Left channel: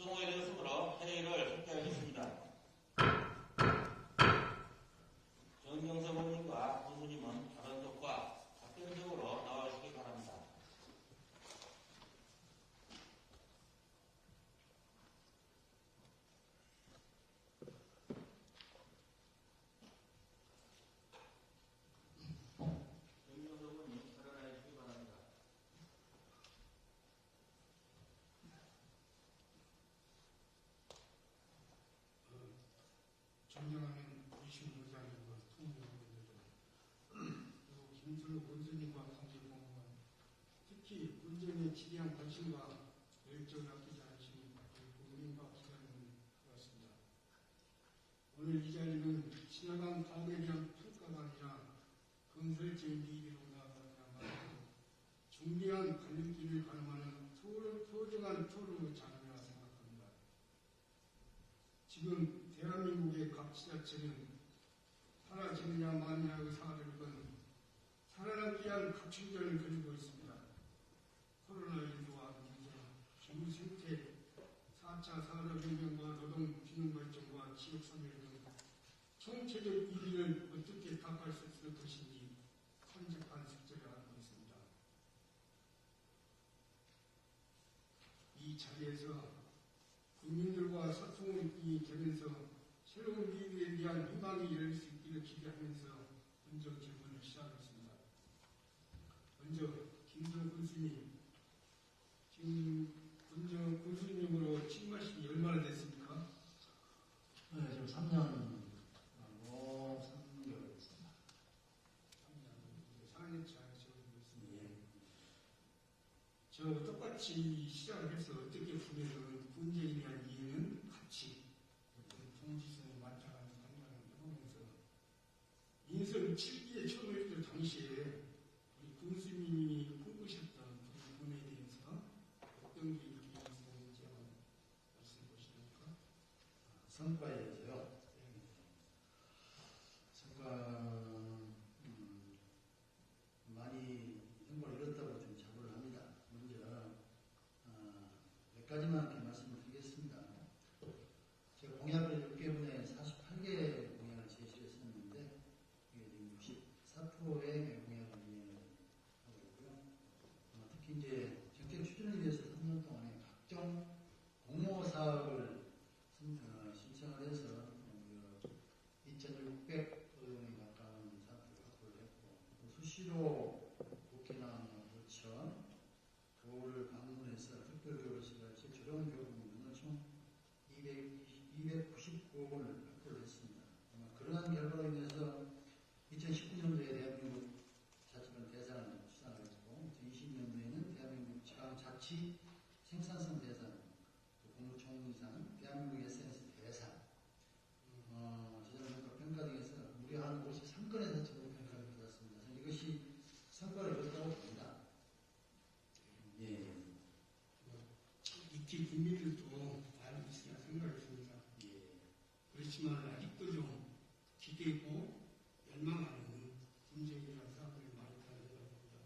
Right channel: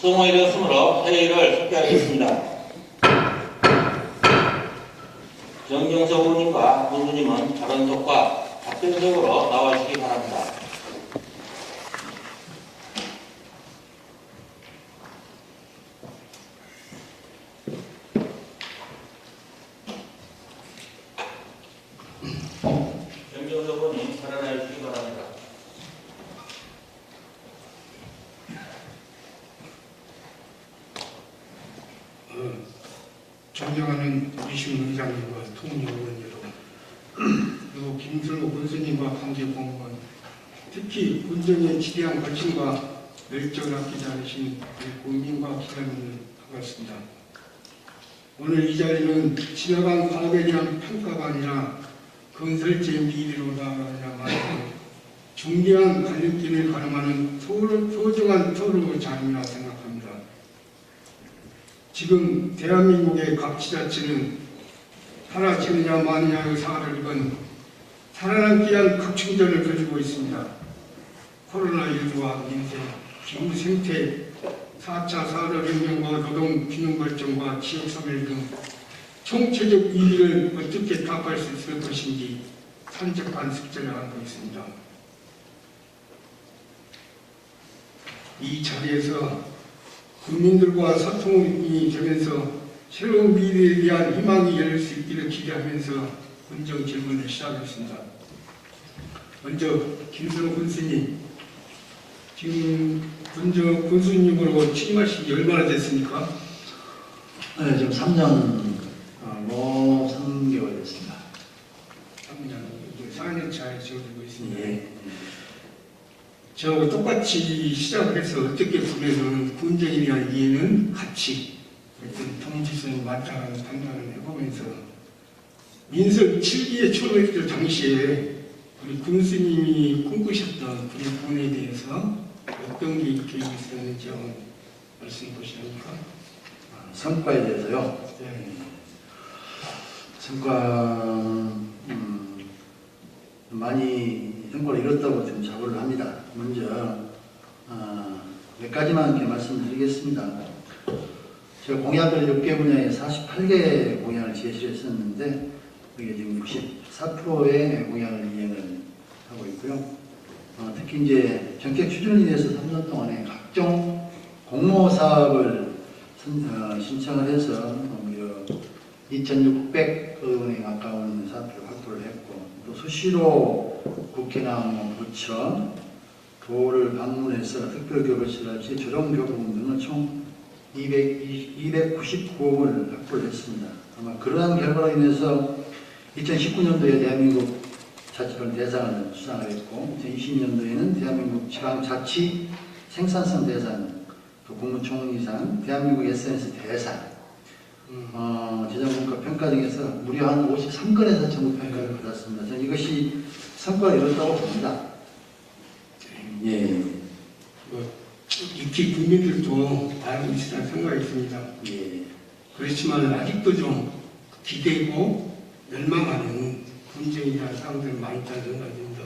수동이 되었으므로 회의를 속개하겠습니다. 정경석 의원님과 본주님은 발언석과 답변적으로 나와주시기 바랍니다. 정경석 의원님 발언해 주시기 바랍니다. 존경하는 이시훈 의장님과 통일의원 여러분, 그리고 김슬로 군수님과 관계공무원, 특히 군정의 지대한 관심과 열정을 아끼지 않으신 우리 국민과 기자님들 반갑습니다. 오늘 이 자리는 지나간 과거에 대한 평가가 아니라 건설제 미래로 나아가야만 중대한 갈림길을 가름하는 소중한 토론의 자리라 생각합니다. 지금 대한민국의 각 지자체는 살아지느냐 마느냐의 사활을 입은 살아남기 위한 극충전을 벌이고 있습니다. 코로나19와 민생, 기후 생태, 4차 산업혁명과 노동균형발전과 지역소멸 등 총체적 위기를 어떻게 답할 수 있을 것인지 산적한 숙제를 하고 있습니다. 이 자리에서 국민들과 소통이 되면서 새로운 미래에 대한 희망이 열릴 수 있기를 기대하면서 군정 질문을 시작하겠습니다. 먼저 김선호 군수님, 지금 군정 군수님으로 취임하신 지 얼마나 됐습니까? 네, 지금 3년 3개월 됐습니다. 3년, 4년 차에 지어지고 있습니다. 예. 저 똑같이 시작을 해서 어떻게 보면은 군정에 대한 이해는 같이 어떤 통지선 맞다는 판단을 해보면서 민선 7기에 초월했을 당시에 우리 군수님이 꿈꾸셨던 그의 부분에 대해서 어떤 게 계획이 있었는지 한번 말씀해 보시렵니까? 성과에 대해서요. 네. 성과 많이 성과를 이뤘다고 지금 자부를 합니다. 먼저 몇 가지만 이렇게 말씀드리겠습니다. 제가 공약을 6개 분야에 48개 공약을 제시를 했었는데 그게 지금 64%의 공약을 이행을 하고 있고요. 특히 이제 정책 추진을 위해서 3년 동안에 각종 공모 사업을 신청을 해서 2,600억 원에 가까운 사업을 확보를 했고 또 수시로 국회나 부처, 도를 방문해서 특별교부실랄지 조정교부금 등을 총 299억을 확보를 했습니다. 아마 그러한 결과로 인해서 2019년도에 대한민국 자치별 대상을 수상을 했고 2020년도에는 대한민국 지방자치 생산성 대상, 또 국무총리상, 대한민국 SNS 대상, 재정국가 평가 등에서 무려 한 53건에서 전국 평가를 받았습니다. 저는 이것이 성과를 이뤘다고 봅니다. 예. 익히 국민들도 알고 있으리라 생각이 있습니다. 예. 그렇지만 아직도 좀 기대고 멸망하는 군정에 대한 사항들이 많이 있다는 생각이 듭니다.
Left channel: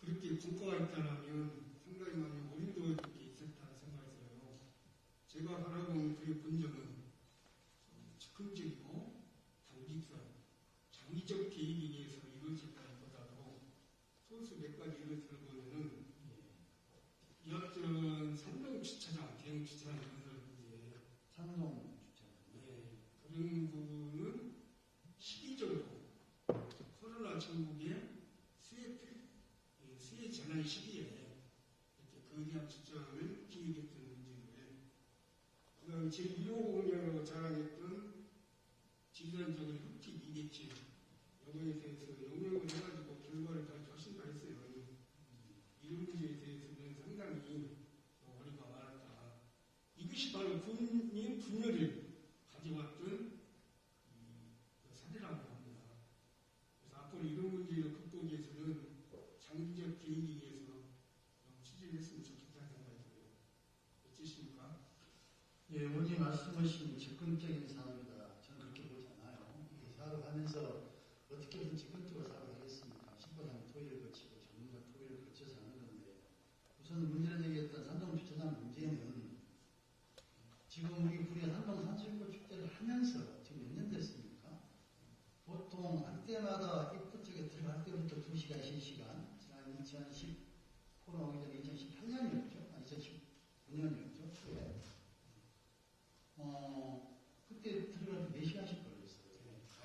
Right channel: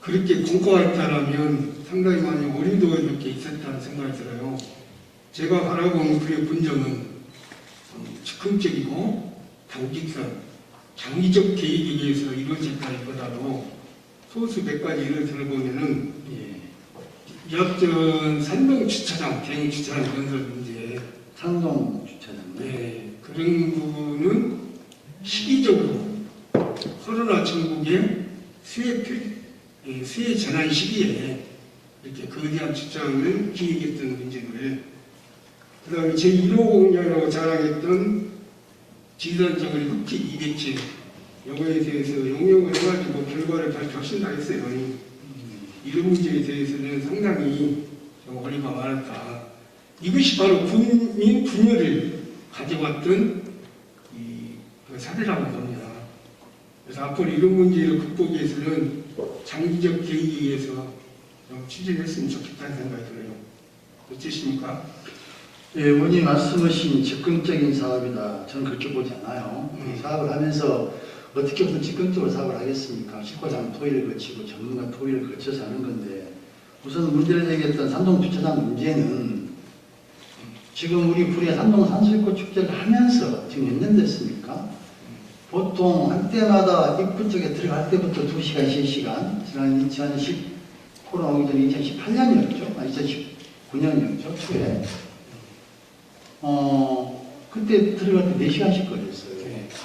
그렇게 공고했다면 상당히 많이 어림도 이렇게 있었다는 생각이 들어요. 제가 바라보는 그의 군정은 즉흥적이고 단기성, 장기적 계획에 의해서 이루어졌다기보다도 소수 몇 가지 예를 들어보면은 이학전 산동주차장, 대형주차장 건설 문제, 상동주차장. 네, 그런 부분은 시기적으로 코로나 전국의 수해 전환 시기에 이렇게 거대한 주차장을 기획했던 문제를 그 다음에 제1호 공약이라고 자랑했던 지산적으로 흡기 200제 요거에 대해서 용역을 해가지고 결과를 발표하신다 했어요. 이런 문제에 대해서는 상당히 어리가 많았다. 이것이 바로 국민 분열을 가져왔던 그 사례라고 봅니다. 그래서 앞으로 이런 문제를 극복하기 위해서는 장기적 계획에 의해서 추진했으면 좋겠다는 생각이 들어요. 어떠십니까? 예, 의원님 말씀하신 즉흥적인 사업이다. 저는 그렇게 보지 않아요. 사업을 하면서 어떻게 무슨 즉흥적으로 사업을 하겠습니까? 식과장 토의를 거치고 전문가 토의를 거쳐서 하는 건데 우선 문제를 제기했던 산동주차장 문제는 지금 우리 불의 산동 산수유꽃 축제를 하면서 지금 몇 년 됐습니까? 보통 한때마다 입구 쪽에 들어갈 때부터 2시간, 3시간, 지난 2010 코로나 오기 전에 2018년이었죠? 2019년이었죠? 초에. 그때 들어갈 때 4시간씩 걸렸어요.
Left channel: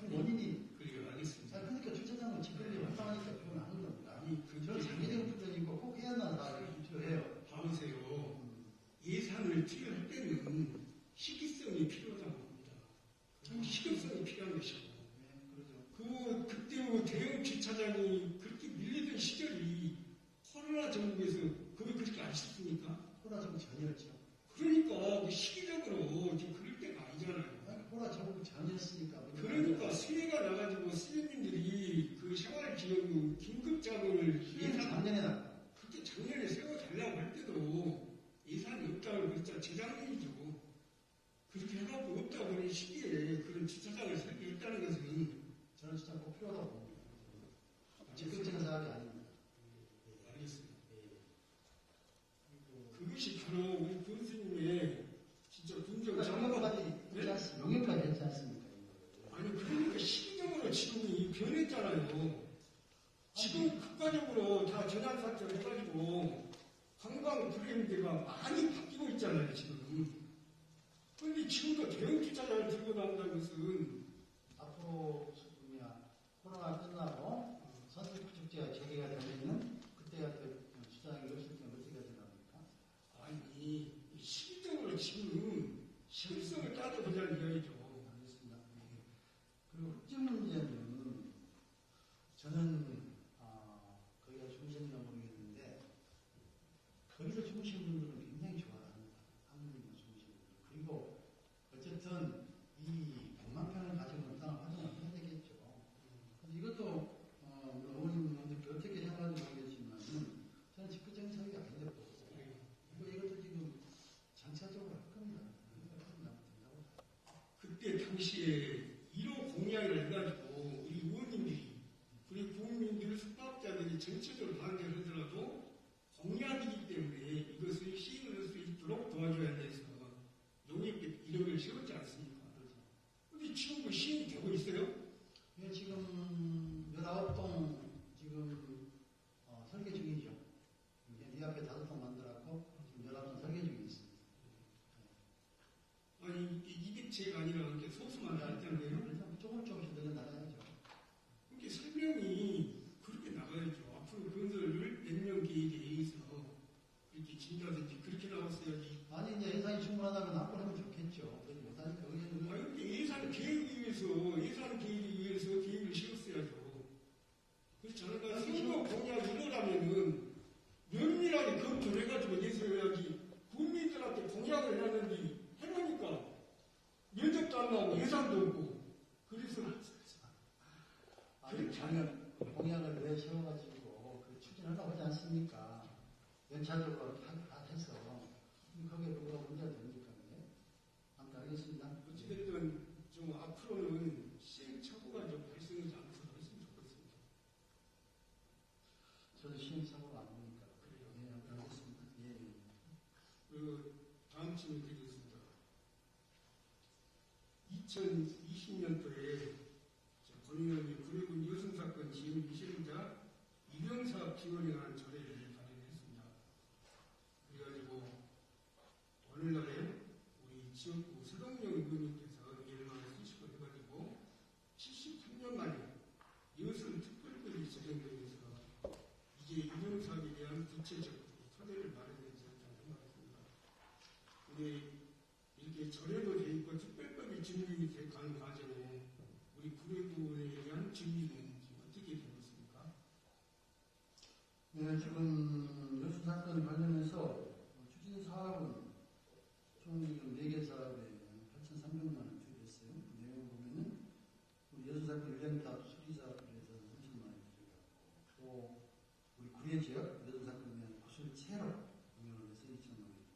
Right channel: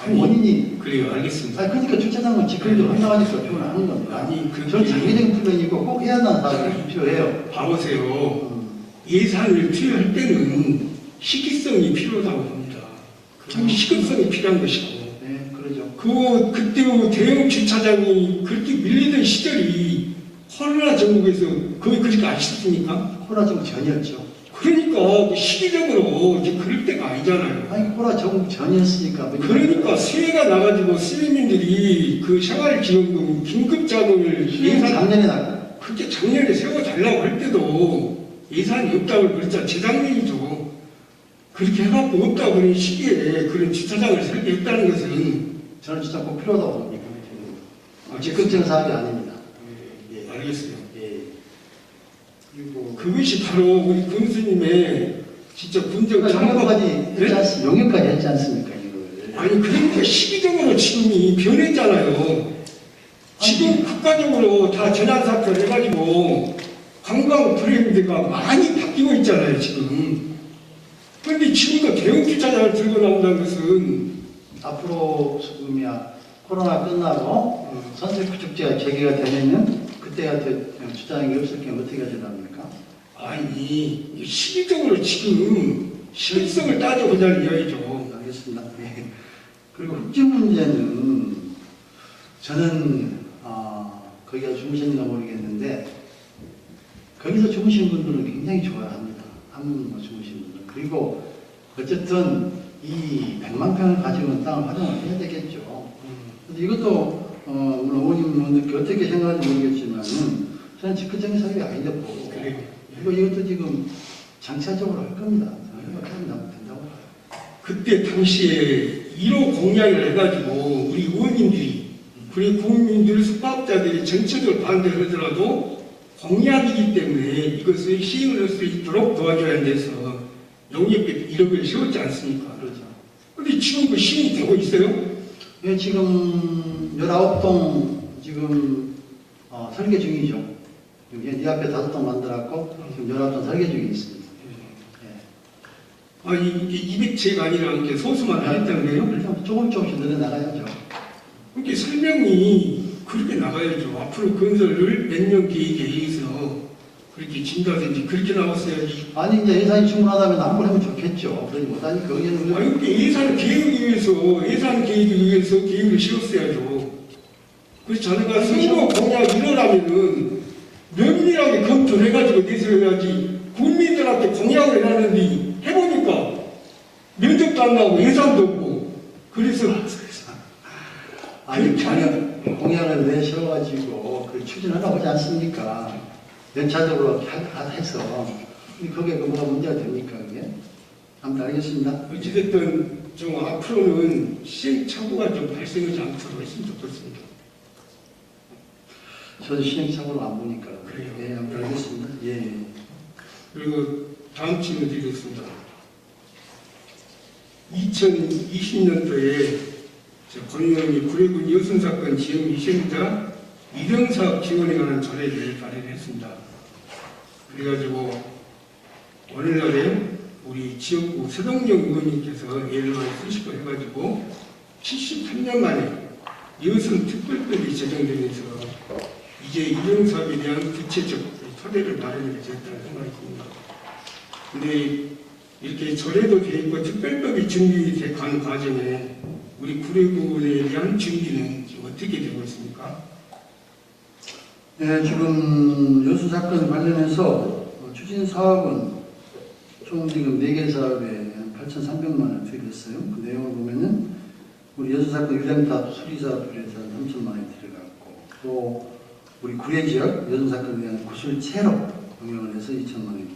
그 원인이 그래요, 알겠습니다. 그러니까 주차장은 직권적으로 한다니까 표현을 하는 겁니다. 아니, 저는 장기적인 플랜이고 꼭 해야 한다는 사람이 필요해요. 봐보세요. 예산을 투여할 때는 시기성이 필요하다고 봅니다. 시급성이 필요한 것이고. 네, 그러죠. 그때 대형 주차장이 그렇게 밀리던 시절이 코로나 전국에서 거의 그렇게 아시습니까? 코로나 정부 전이었죠. 그러니까 시기적으로 이제 그럴 때가 아니잖아요. 아니 코로나 정부 전이었으니까. 그러니까 세가 나가지고 시민들이 그 생활지원금 긴급자금을 예산 작년에 나가. 그렇게 작년에 세워달라고 할 때도 예산이 없다고 그랬잖아. 재작년이죠. 그렇게 해갖고 없다고 그런 시기에 그런 주차장을 설계했다는 것은 저는 진짜 꼭 필요하다고 봅니다. 아, 적극적인 사업이 아닙니다. 예, 알겠어요. 예. 그리고 그것이 바로 우리 군수님의 진짜 군정 영역까지 네? 영역까지 했지 않습니까 이걸? 아니 그러니까 시기적으로 지금이 변했잖아요. 지금 국가적으로 다 재난사태 해가지고 관광 브랜드가 많이 바뀌고 있잖아요 지금. 그런데 지금도 대형 주차장을 들고 나온다는 것은 앞으로 지금이야 코로나 끝나고 선생님 축제가 재개가 되면은 그때 같은 주차장이 없을 경우 어떻게 하시랍니까? 아니 시기적으로 지금 실효성을 따져보자는 이야기죠. 알겠습니다. 예. 그리고 흑지 문제는 저는 거기가 주무셨는가 모르겠는데 거기서 주무신 분들은 굉장히 좋아합니다. 한번 주무신 분들. 그리고 어쨌든 이 100만 평을 가지고 있는 땅을 활용을 해야 되겠죠. 근데 이것도 물론 의원님은 어떻게 생각하는지 모르겠지만은 저는 직접적인 사업이 아니다 보고 그리고 이것도 지금 장차적으로 할 겁니다. 이렇게 하면 된다고 봐요. 그때 당시에 1호 공약을 해가지고 우리 의원님들이 그리고 국민들 숙박자들이 전체적으로 반대를 하더라도 공약이기 때문에 이것을 시행을 할 수 있도록 도와줘야 돼서 용역비 1억을 세웠지 않습니까? 그렇죠. 근데 지금 그 시행이 되고 있어요? 예, 지금 19동 지금 설계 중이죠. 이 앞에 5동 만들었고 지금 19동 설계 중에 있습니다. 예. 아, 이게 200채가 아니라 이렇게 소수만 하겠다는 거예요? 조금씩 늘어나가야죠. 그렇게 설명이 그렇게 나가야죠. 앞으로 건설을 몇 년 계획에 의해서 그렇게 진다든지 그렇게 나왔어야지. 아니 이제 예산이 충분하다면 한번 하면 좋겠죠. 그러지 못하니까 거기는 아니, 그게 예산 계획에 의해서 계획을 세웠어야죠. 그래서 자네가 선거 공약 일어나면은 면밀하게 검토를 해가지고 내세워야지. 국민들한테 공약을 해놨는데 해보니까 면접도 안 나오고 예산도 없고 그래서 아니 공약을 내셔가지고 그 추진하라고 하지 않습니까? 연차적으로 해서 거기에 뭐가 문제가 됩니까 그게? 아무튼 알겠습니다. 어찌됐든 좀 앞으로는 시행착오가 좀 발생하지 않도록 했으면 좋겠습니다. 저는 시행착오를 안 보니까 그래요. 예, 아무튼 알겠습니다. 예. 그리고 다음 질문 드리겠습니다. 2020년도에 권의원이 구례군 여순사건 지역 희생자 이등사업 지원에 관한 조례를 발의를 했습니다. 그래가지고 오늘날에 우리 지역구 서동영 의원님께서 예를 많이 쓰시고 해가지고 73년 만에 여순 특별법이 제정되면서 이제 이등사업에 대한 구체적 토대를 마련하게 됐다는 생각이 듭니다. 근데 이렇게 조례도 되어 있고 특별법이 준비된 과정에 우리 구례군에 대한 준비는 지금 어떻게 되고 있습니까? 네, 지금 여수 사건 관련해서 추진 사업은 총 지금 4개 사업에 8,300만 원 투입했어요. 그 내용을 보면은 우리 여수 사건 유рем탑 수리사업에 대해서 3천만 원이 들어갔고 또 우리 구례 지역 여수 사건에 대한 구술 체로 병역을 해서 2천만 원이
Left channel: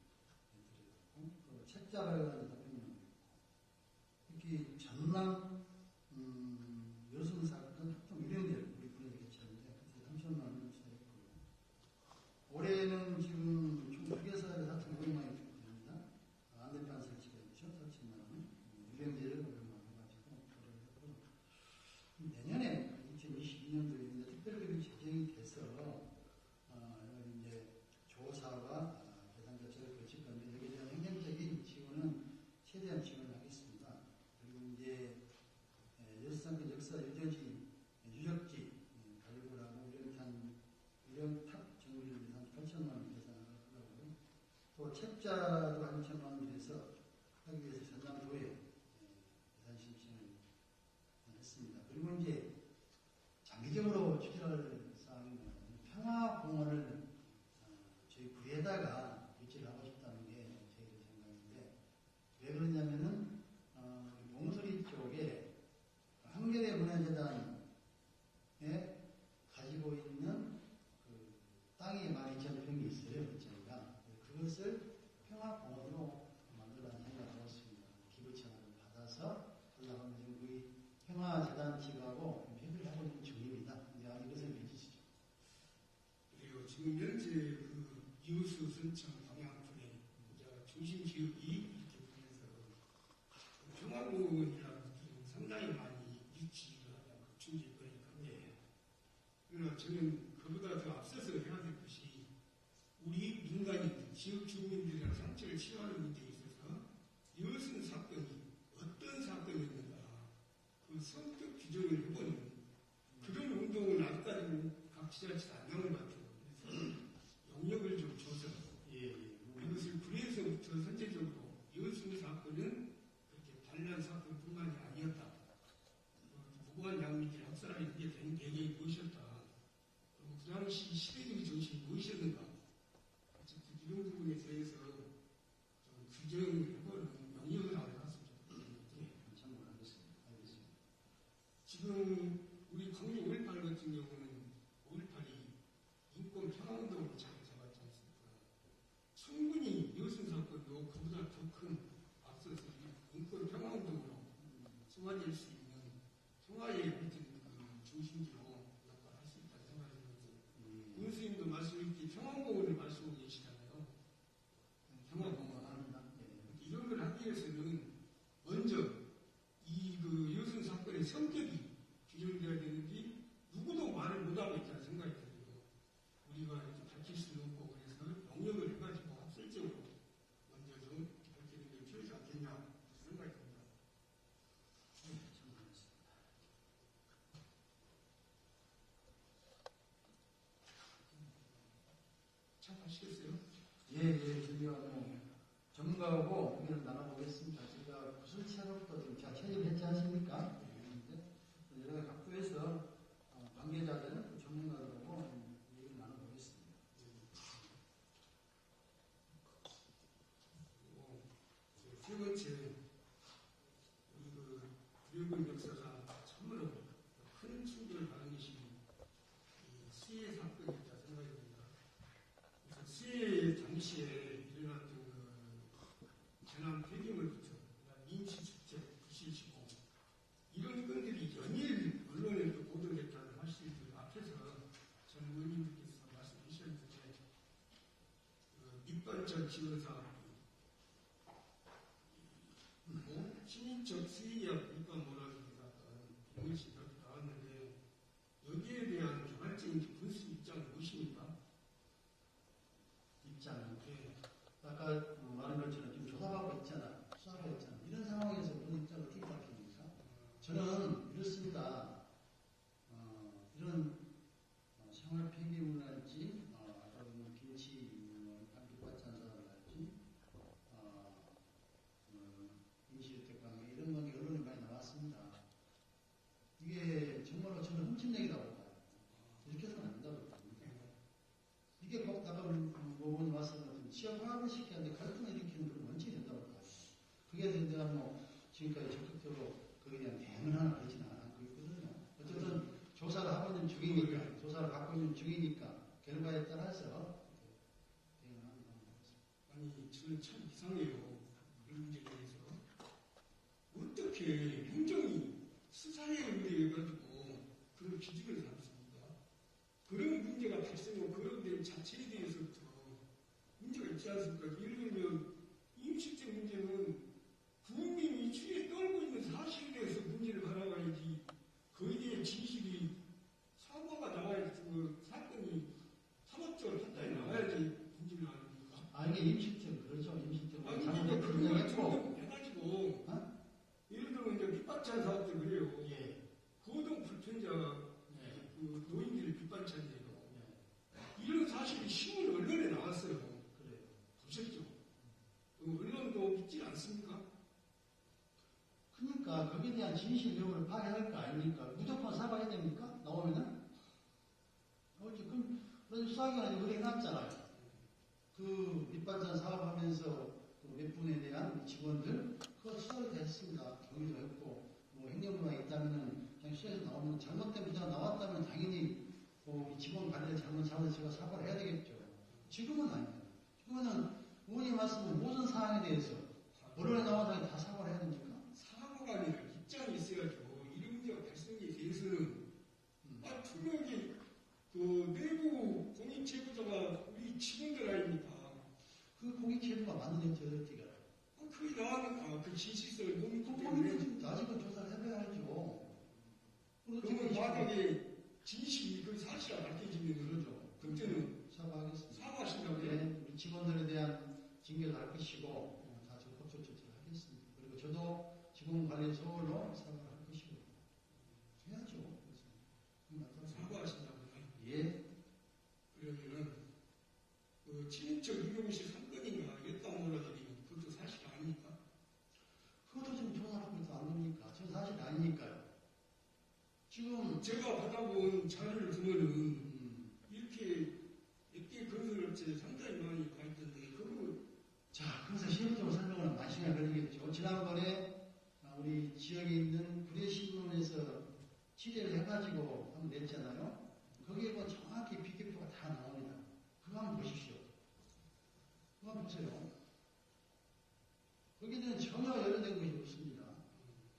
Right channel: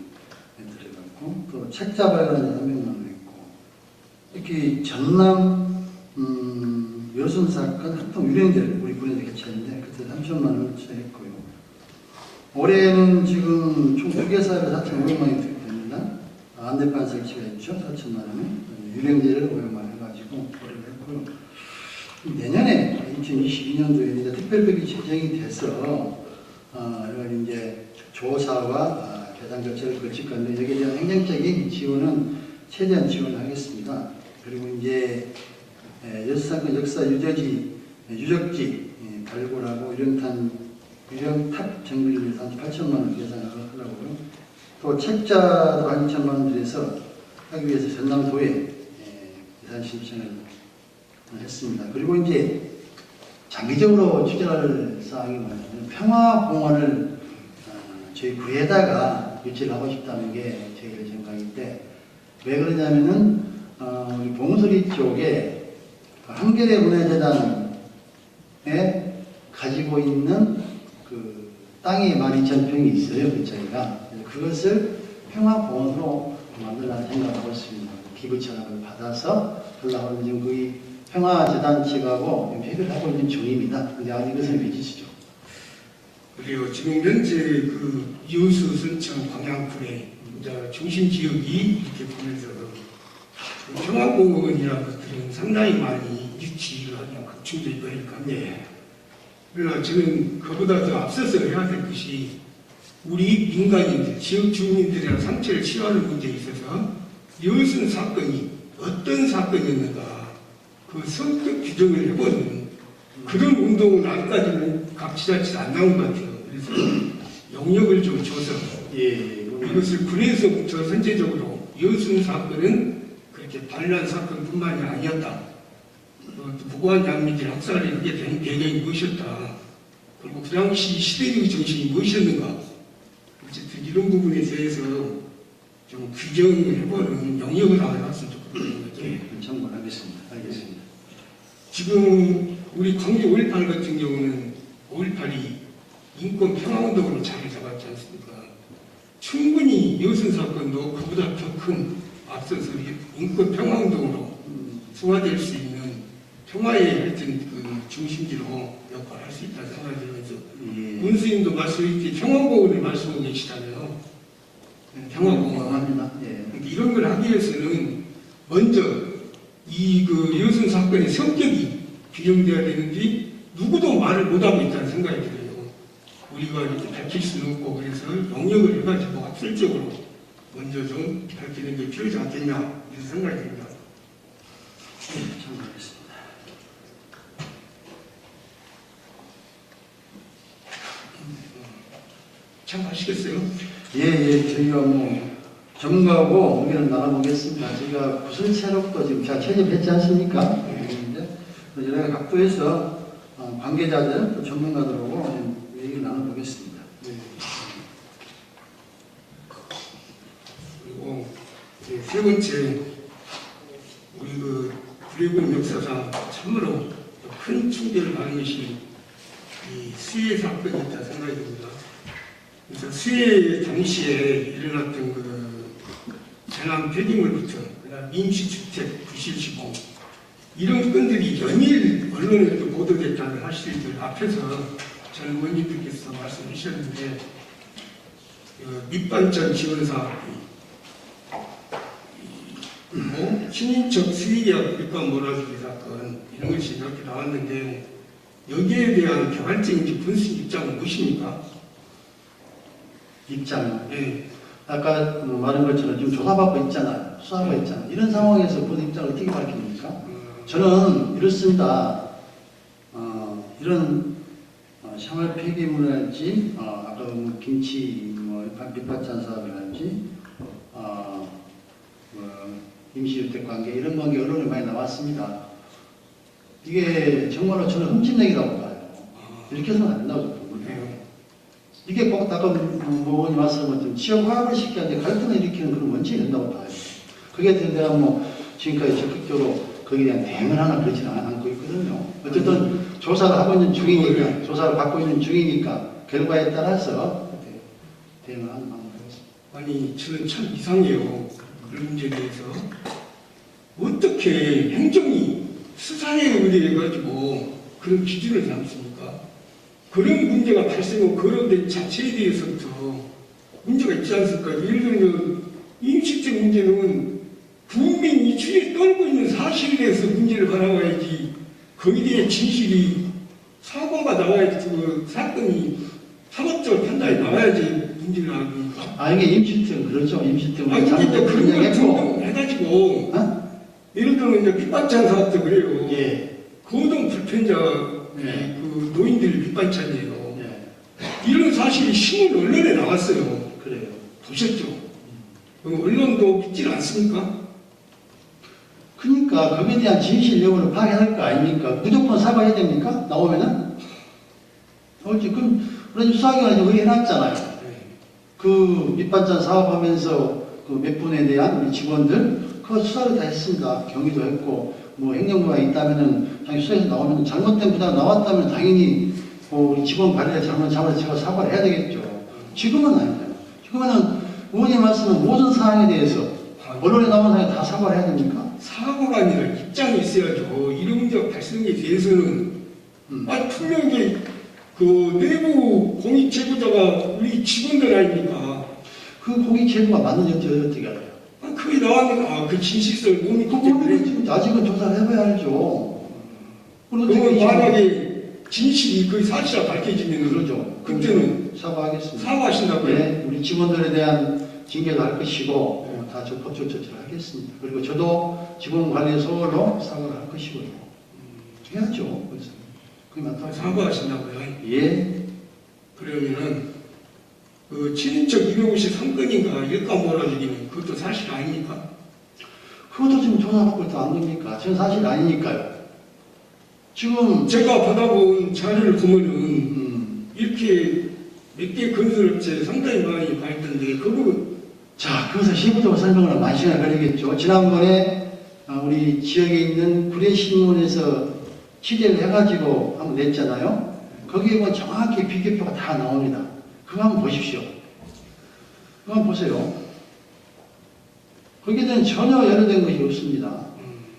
들어갔고 또 책자 발간에 300만 원 있고 특히 전남 여순 사건 합동 유령제를 우리 군에서 개최했는데 그때 3천만 원을 투자했고요. 올해는 지금 총 2개 사업에 4,500만 원이 투입됩니다. 안내판 설치가 있죠. 4천만 원에 유령제를 오염해가지고 처리를 했고요. 내년에 2022년도에 이제 특별법이 제정이 돼서 이런 이제 조사와 계산 절차를 거칠 건데 여기에 대한 행정적인 지원은 최대한 지원하겠습니다. 그리고 이제 여수사건 역사 유적지 발굴하고 유령탑 정비를 위해서 한 8천만 원 계산을 하더라고요. 또 책자도 한 2천만 원 들여서 하기 위해서 전남도에 예산 신청을 했습니다. 그리고 이제 장기적으로 추진할 사항이 뭐냐면 평화공원을 저희 구에다가 유치를 하고 싶다는 게 저희의 생각인데 왜 그러냐면은 우리 봉소리 쪽에 한겨레 문화재단에 가지고 있는 그 땅이 12,000평이 있어요. 그 저희가 그것을 평화공원으로 만들라는 생각을 하고 있습니다. 기부 철학을 받아서 올라오는 지금 거의 평화재단 측하고 협의를 하고 있는 중입니다. 근데 아직 이것은 미지수죠. 그리고 지금 현재 그 여수, 순천, 광양군의 이제 중심 지역이 이렇게 보면서 그 평화공원이라는 것들은 상당히 많이 유치를 하는 급충되고 하니까 그러나 저는 그보다 더 앞서서 해야 될 것이 우리 민간인들, 지역 주민들이랑 상처를 치유하는 문제에 있어서 여순 사건이 어떤 사건이었는가 그 성격 규정을 해보는 그런 운동은 아직까지는 각 지자체에 안 나온 것 같아요. 그래서 영역을 좀 줘서 이것을 군에서부터 선제적으로 여순 사건은 그렇게 반란 사건뿐만이 아니었다. 무고한 양민들 학살에 그게 된 배경이 무엇이었다. 그리고 그 당시 시대적 정신이 무엇이었는가. 어쨌든 이런 부분에 대해서 좀 규정을 해보는 영역을 나왔으면 좋겠다는 거죠. 참고하겠습니다. 알겠습니다. 지금 우리 광주 5.18 같은 경우는 5.18이 인권 평화운동으로 자리 잡았지 않습니까? 충분히 여순 사건도 그보다 더 큰 앞서서 인권 평화운동으로 소화될 수 있는 평화의 하여튼 그 중심지로 역할을 할 수 있다는 생각이 들면서 문수님도 말씀하셨듯이 평화공원을 말씀하고 계시잖아요. 평화공원. 합니다. 이런 걸 하기 위해서는 먼저 이 그 여순 사건의 성격이 규정돼야 되는데 누구도 말을 못하고 있다는 생각이 들어요. 우리가 이렇게 밝힐 수는 없고 그래서 영역을 해가지고 학술적으로 먼저 좀 밝히는 게 필요하지 않겠냐 이런 생각이 듭니다. 참고하겠습니다. 참 아시겠어요? 저희가 뭐 전문가하고 의견을 나눠보겠습니다. 저희가 구설체력도 지금 잘 채집했지 않습니까? 여러 각도에서 관계자들, 또 전문가들하고 얘기를 나눠보겠습니다. 그리고 세 번째, 우리 그 구례군 역사상 참으로 큰 충격을 받은 것이 이 수해 사건이었다 생각이 듭니다. 그래서 수해 당시에 일어났던 그 재난 폐기물부터 그다음 임시주택 부실 시공 이런 건들이 연일 언론에도 보도됐다는 사실들 앞에서 전 의원님들께서 말씀해 주셨는데 밑반찬 지원 사업이 뭐 친인척 수의계약 물가 몰아주기 사건 이런 것이 이렇게 나왔는데 여기에 대한 개발적인 분석 입장은 무엇입니까? 입장. 예. 아까 말한 것처럼 지금 조사받고 있잖아요. 수사하고 있잖아요. 이런 상황에서 그 입장을 어떻게 밝힙니까? 저는 이렇습니다. 이런 생활 폐기물이랄지, 아까 뭐 김치, 밑반찬 사업이랄지, 임시주택 관계 이런 관계 언론에 많이 나왔습니다. 이게 정말로 저는 흠집내기라고 봐요. 이렇게 해서는 안 된다고 봅니다. 이게 꼭 아까 의원님 말씀하신 것처럼 지역 화합을 시키는데 갈등을 일으키는 그런 원칙이 된다고 봐요. 그게 대한 뭐 지금까지 적극적으로 거기에 대한 대응을 하나 그러지는 않고 있거든요. 어쨌든 조사를 하고 있는 중이니까, 조사를 받고 있는 중이니까 결과에 따라서 대응을 하는 방법이겠습니다. 아니 저는 참 이상해요. 그런 문제에 대해서 어떻게 행정이 수사에 의뢰해가지고 그런 기준을 잡습니까? 그런 문제가 발생하고 그런 데 자체에 대해서부터 문제가 있지 않습니까? 예를 들면 임시증 문제는 국민이 추에 떨고 있는 사실에 대해서 문제를 바라봐야지 거기에 대해 진실이 사과가 나와야지 그 사건이 사법적으로 판단이 나와야지 문제를 하니까. 아, 이게 임시증, 그렇죠. 임시증. 아니 근데 이제 그런 걸 했고. 등등해가지고 어? 예를 들면 이제 밑반찬 사업도 그래요. 예. 고동 불편자 네. 그 노인들 밑반찬이에요. 예. 이런 사실이 신문 언론에 나왔어요. 그래요. 보셨죠? 언론도 믿질 않습니까? 그러니까 거기에 대한 진실 여부를 파악해야 할 거 아닙니까? 무조건 사과해야 됩니까? 나오면은? 그럼 수사기관이 의뢰해놨잖아요. 그 밑반찬 사업하면서 그 몇 분에 대한 우리 직원들 그거 수사를 다 했습니다. 경위도 했고 뭐 행정부가 있다면은 당연히 수사에서 나오면 잘못된 부담 나왔다면 당연히 그 우리 직원 관리를 잘못을 제가 사과를 해야 되겠죠. 지금은 아니잖아요. 지금은 의원님 말씀은 모든 사항에 대해서 언론에 나온 사항에 다 사과를 해야 됩니까? 사과가 아니라 입장이 있어야죠. 이런 문제가 발생에 대해서는 분명히 그 내부 공익 제보자가 우리 직원들 아닙니까? 그 공익 제보가 맞는지 어떻게 알아요? 그게 나왔는데 그 진실성을 못 믿기 때문에 지금 아직은 조사를 해봐야 알죠. 그러면 만약에 진실이 그 사실이 밝혀지면 그러죠. 그때는 사과하겠습니다. 사과하신다고요? 네, 우리 직원들에 대한 징계도 할 것이고 다 법적 조치를 하겠습니다. 그리고 저도 직원 관리 소홀로 사과를 할 것이고요. 해야죠. 그래서 그게 맞다고 사과하신다고요? 예. 그러면은 그 친인척 253건인가 일감 몰아주기는 그것도 사실 아닙니까? 그것도 지금 조사받고 있다 안 됩니까? 저는 사실 아니니까요. 지금 제가 받아본 자료를 보면은 이렇게 몇 개 건설업체 상당히 많이 봤던데 그거 자, 그것을 세부적으로 설명을 많은 시간이 걸리겠죠. 지난번에 우리 지역에 있는 구례신문에서 취재를 해가지고 한번 냈잖아요. 거기에 보면 정확히 비교표가 다 나옵니다. 그거 한번 보십시오. 그거 한번 보세요. 거기에 대한 전혀 연루된 것이 없습니다.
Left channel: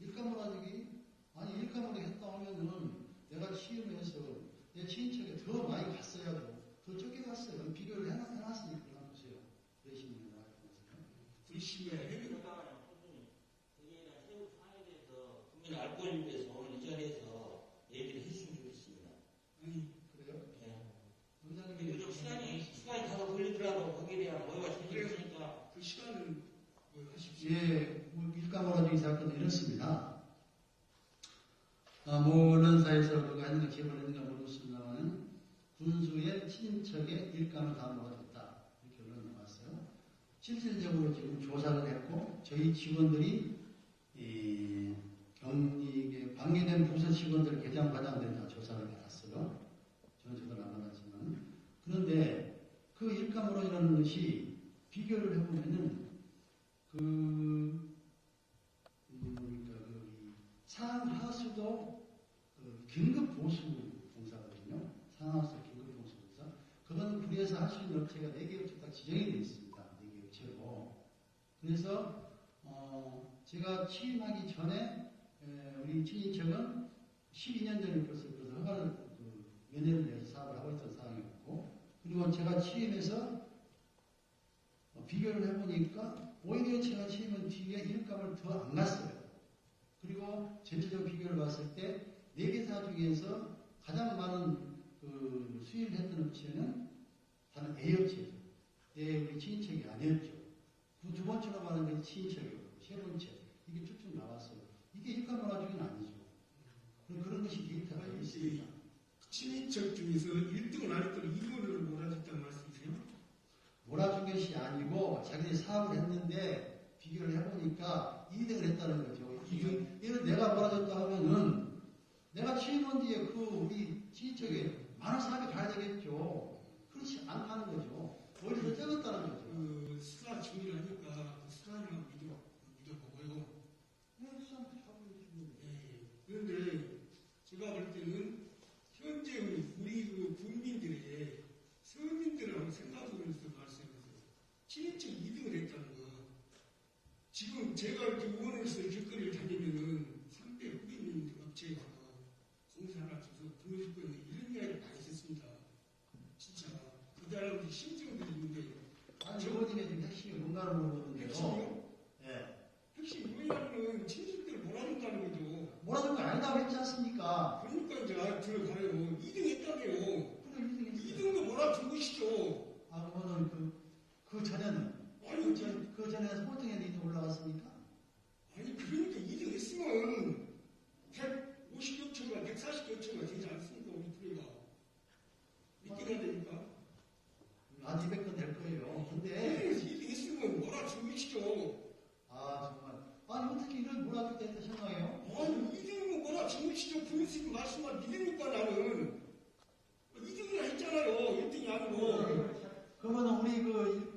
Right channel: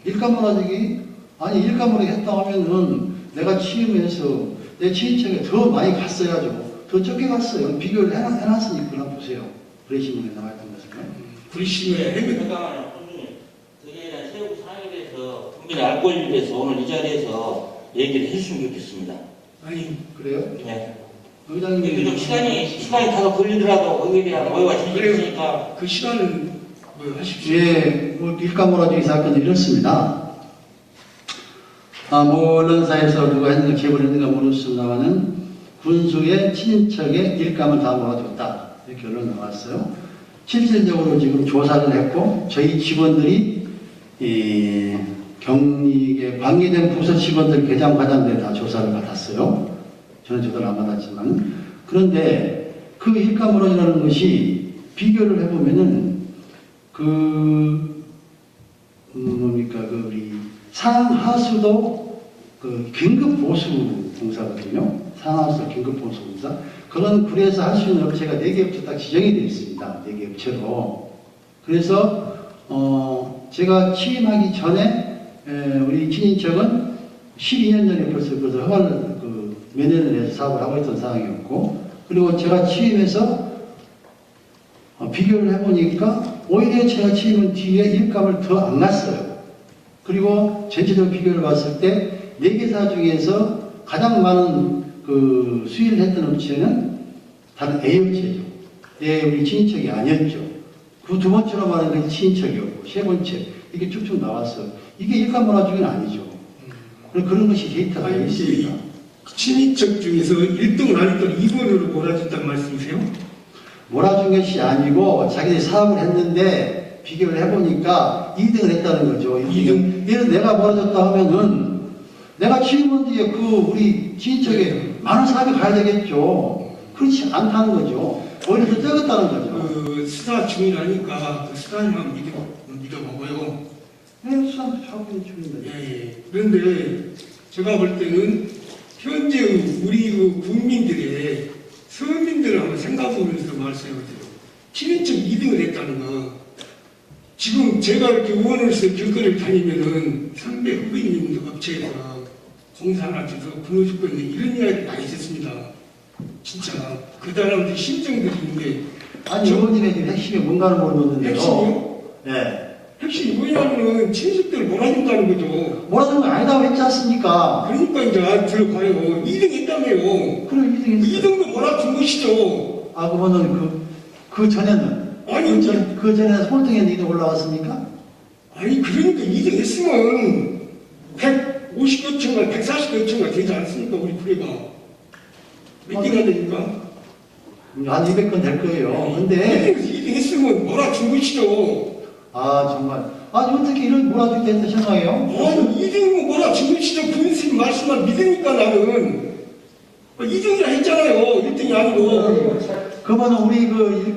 일감몰아주기? 아니, 일감몰아주기 했다 하면은 내가 취임해서 내 친인척에 더 많이 갔어야죠. 더 적게 갔어요. 비교를 해놨으니까 그냥 보세요. 구례신문에 나와있던 것을. 구례신문에 해면 잠깐만요. 그에 대한 세부 사항에 대해서 국민의 알 권리에 대해서 오늘 이 자리에서 얘기를 해주시면 좋겠습니다. 아니 그래요? 네. 의장님이 근데 좀 시간이 다소 걸리더라도 거기에 대한 오해가 생기니까 그 시간은 뭐 하십시오. 예, 뭐 일감몰아주기 사건이 이렇습니다. 뭐 언론사에서 누가 했는가 제보를 했는가 모르겠습니다만은 군수의 친인척의 일감을 다 몰아줬다 이렇게 언론 나왔어요. 실질적으로 지금 조사를 했고 저희 직원들이 이 경리에 관계된 부서 직원들 계장 과장들 다 조사를 받았어요. 저는 조사를 안 받았지만 그런데 그 일감몰아주라는 것이 비교를 해보면은 뭡니까 그 우리 상하수도 그 긴급 보수 공사거든요. 상하수도 긴급 보수 공사. 그런 구례에서 할 수 있는 업체가 4개 업체 딱 지정이 되어 있습니다. 4개 업체로. 그래서 제가 취임하기 전에 우리 친인척은 12년 전에 벌써 허가를 몇 년을 내서 사업을 하고 있던 상황이었고 그리고 제가 취임해서 비교를 해보니까 오히려 제가 취임한 뒤에 일감을 더 안 났어요. 그리고 전체적으로 비교를 봤을 때 4개사 중에서 가장 많은 그 수익을 했던 업체는 다른 A업체죠. 우리 친인척이 아니었죠. 그 두 번째로 말하는 것이 친인척이었고 세 번째 이게 쭉쭉 나왔어요. 이게 일감 몰아주기는 아니죠. 그런 것이 데이터가 아니, 있습니다. 친인척 중에서 1등을 안 했던 2번으로 몰아준다는 말씀이세요? 몰아준 것이 아니고 자기들이 사업을 했는데 비교를 해보니까 2등을 했다는 거죠. 2등. 예를 내가 몰아줬다 하면은 내가 취임한 뒤에 우리 친인척에 많은 사업이 가야 되겠죠. 그렇지 않다는 거죠. 오히려 더 적었다는 거죠. 수사 중이라니까 수사님만 믿어보고요. 네, 수사도 하고 중입니다. 예. 그런데 제가 볼 때는 현재 우리 국민들의 서민들을 한번 생각해보면서 말씀해보세요. 친인척 2등을 했다는 거. 지금 제가 이렇게 의원으로서 길거리를 다니면은 선배 후배님 업체에서 공사 하나 줘서 근로 조건이 이런 이야기 많이 있었습니다. 진짜 그 사람들 심정들이 있는데 아니 의원님의 지금 핵심이 뭔가를 모르겠는데요. 핵심이요? 예. 핵심이 뭐냐면은 친식들을 몰아준다는 거죠. 뭐라는 거 아니다고 했지 않습니까? 그러니까 이제 들어봐요. 2등 했다며요. 그럼 2등 했어요. 2등도 몰아준 것이죠. 아 그러면은 그 전에는 아니, 그 전에 서울등에 2등 올라왔습니까? 아니 그러니까 2등 했으면 150여 층가 140여 층가 되지 않습니까? 우리 부대가 몇 개가 되니까? 한 200건 될 거예요. 근데 2등 했으면 몰아준 것이죠. 아 정말 아니 어떻게 이런 몰아주게 했다 생각해요? 아니 2등이면 몰아준 것이죠. 군수님 말씀만 믿으니까 나는 2등이라 했잖아요. 1등이 아니고. 그러면 우리